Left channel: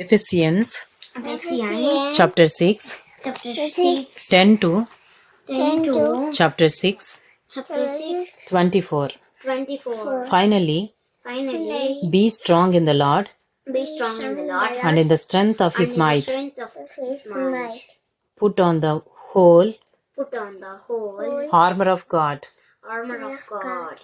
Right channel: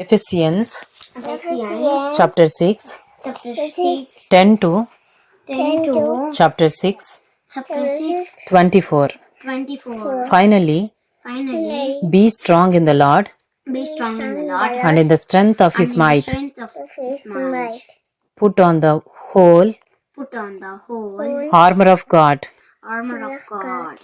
Ephesians Ephesians chapter 6, chapter 6, 10 to 10 to chapter 6, chapter 6, 24. 24. Finally, Finally, be strong in the Lord be strong in the Lord and in the strength of and his in the might. strength of his might. Put on the whole Put on the whole armor of God, armor of God,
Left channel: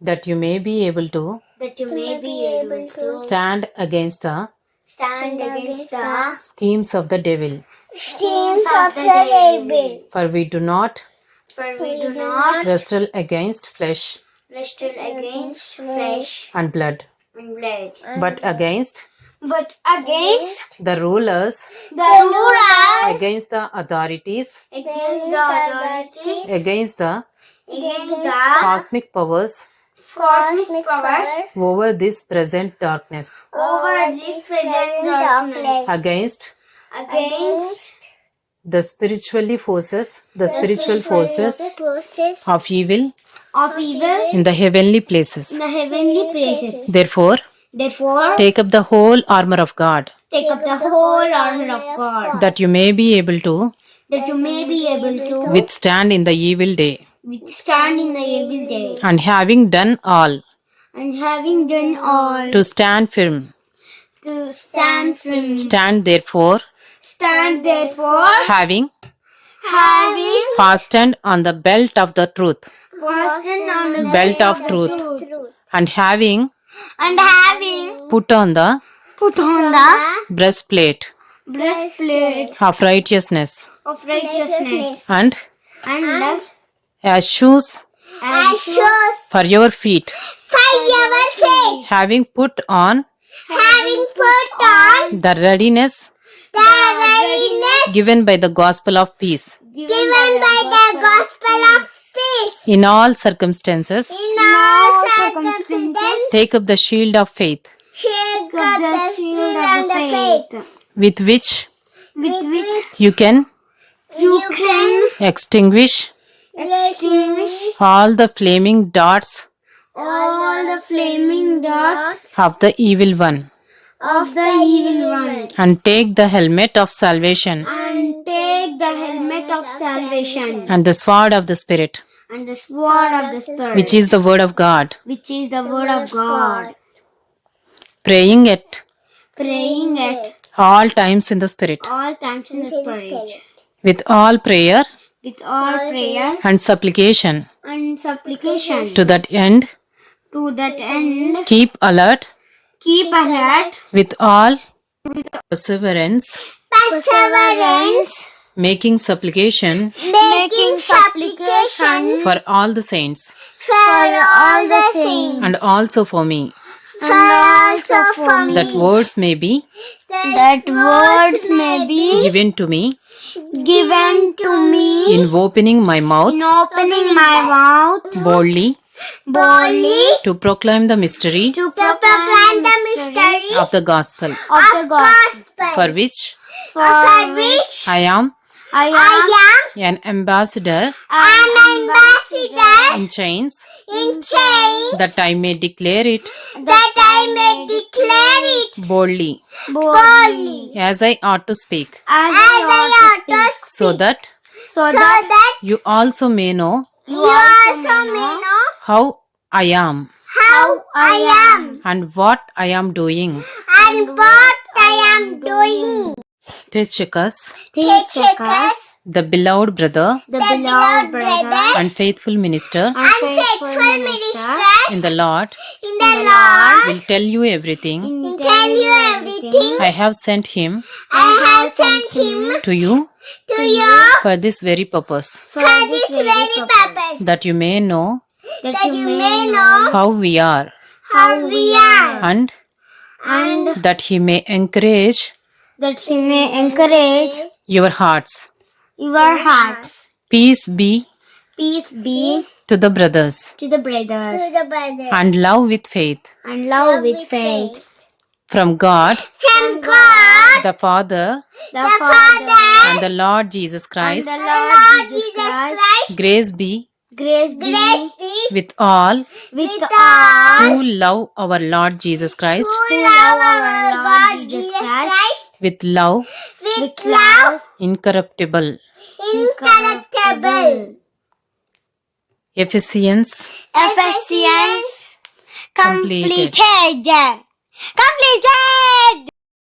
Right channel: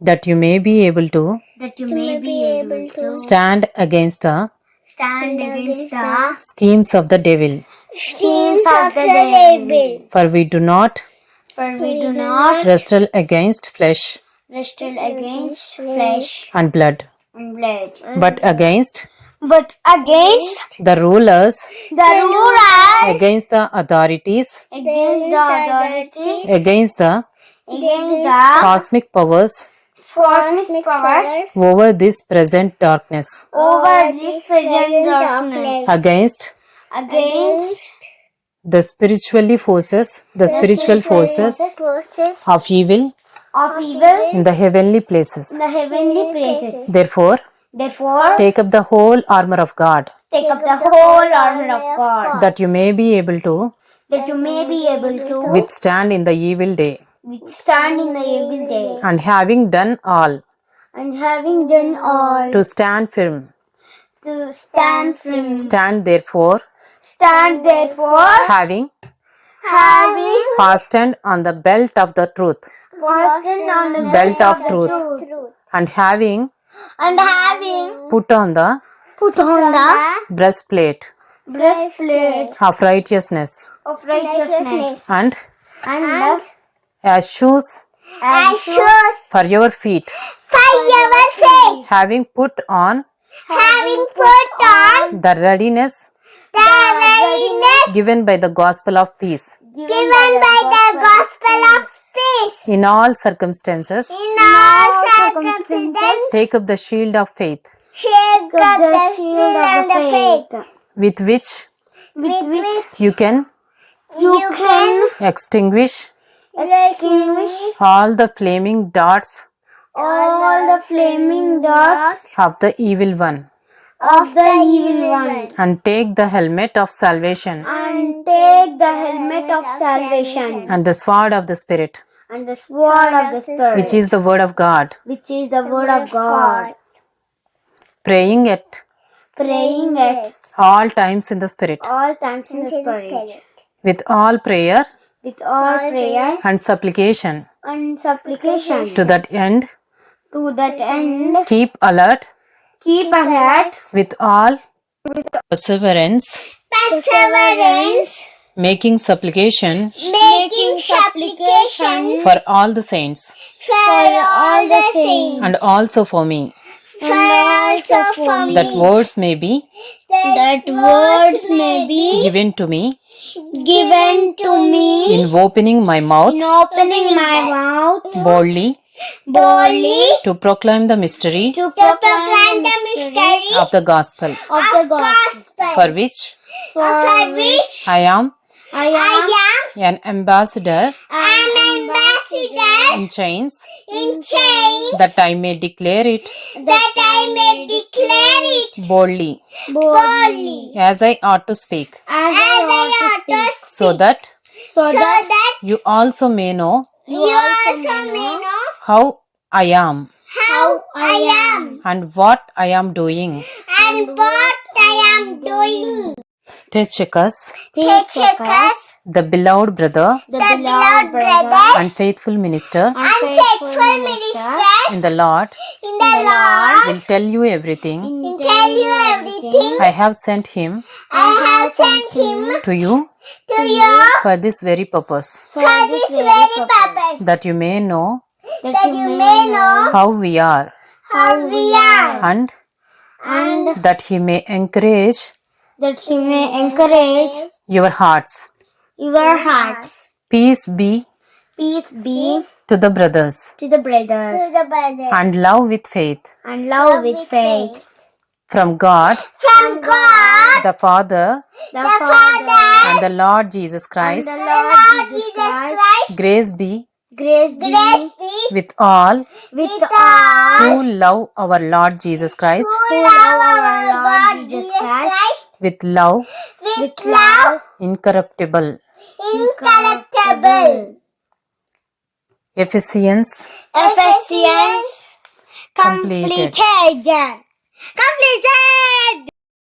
that you may be able to that you may be able to stand against the stand against the schemes of the devil. schemes of the devil. For we do not For we do not wrestle against flesh wrestle against flesh and blood, and blood, but against but against the rulers, the rulers, against the authorities, against the authorities, against the against the cosmic powers cosmic powers over this present darkness, over this present darkness, against against the spiritual forces of evil of evil in the heavenly places. in the heavenly places. Therefore, Therefore, take up the whole armor of God, take up the whole armor of God, that you may be able to that you may be able to withstand in the evil day, withstand in the evil day, and having done all, and having done all, to stand firm. to stand firm. Stand therefore, having Having fastened on the belt of the truth, fastened on the belt of the truth, and having and having put on the put on the breastplate breastplate of righteousness, of righteousness, and and as shoes as shoes for your feet, for your feet, having put on having put on the readiness the readiness given by the gospel of peace. given by the gospel of peace. In all circumstances, In all circumstances, take up the shield of faith, take up the shield of the faith, with which with which you can you can extinguish extinguish all the flaming darts all the flaming darts of the evil one, of the evil one, and take the helmet of salvation and take the helmet of salvation and the sword of the Spirit, and the sword of the Spirit, which is the word of God, which is the word of God, praying at praying at all times in the Spirit, all times in the Spirit, with all prayer with all prayer and supplication. and supplication. To that end, To that end, keep alert keep alert with all perseverance, making supplication making supplication for all the saints, for all the saints, and also for me, for also for me, that words may be that words may be given to me given to me in opening my mouth in opening my mouth boldly boldly to proclaim the mystery to proclaim the mystery of the gospel, of the gospel, for which for which I am I am an ambassador an ambassador in chains, in chains, that I may declare it that I may declare it boldly boldly as I ought to speak, as I ought to speak, so that so that you also may know you also may know how I am how I am and what I am doing. and what I am doing. Tychicus, Tychicus, the beloved brother the beloved brother and faithful minister and faithful minister in the Lord, in the Lord, will tell you everything will tell you everything I have sent him I have sent him to you to you for this very purpose, for this very purpose, that you may know that you may know how we are, how we are, and and that he may encourage that he may encourage your hearts. your hearts. Peace be Peace be to the brothers, to the brothers, and love with faith and love with faith, from God from God, the Father the Father, and the Lord Jesus and Christ. the Lord Jesus Christ. Grace be Grace be with all with all who love our Lord Jesus Christ who love our Lord Jesus with love with love, incorruptible. incorruptible. Ephesians Ephesians completed. completed. Completed.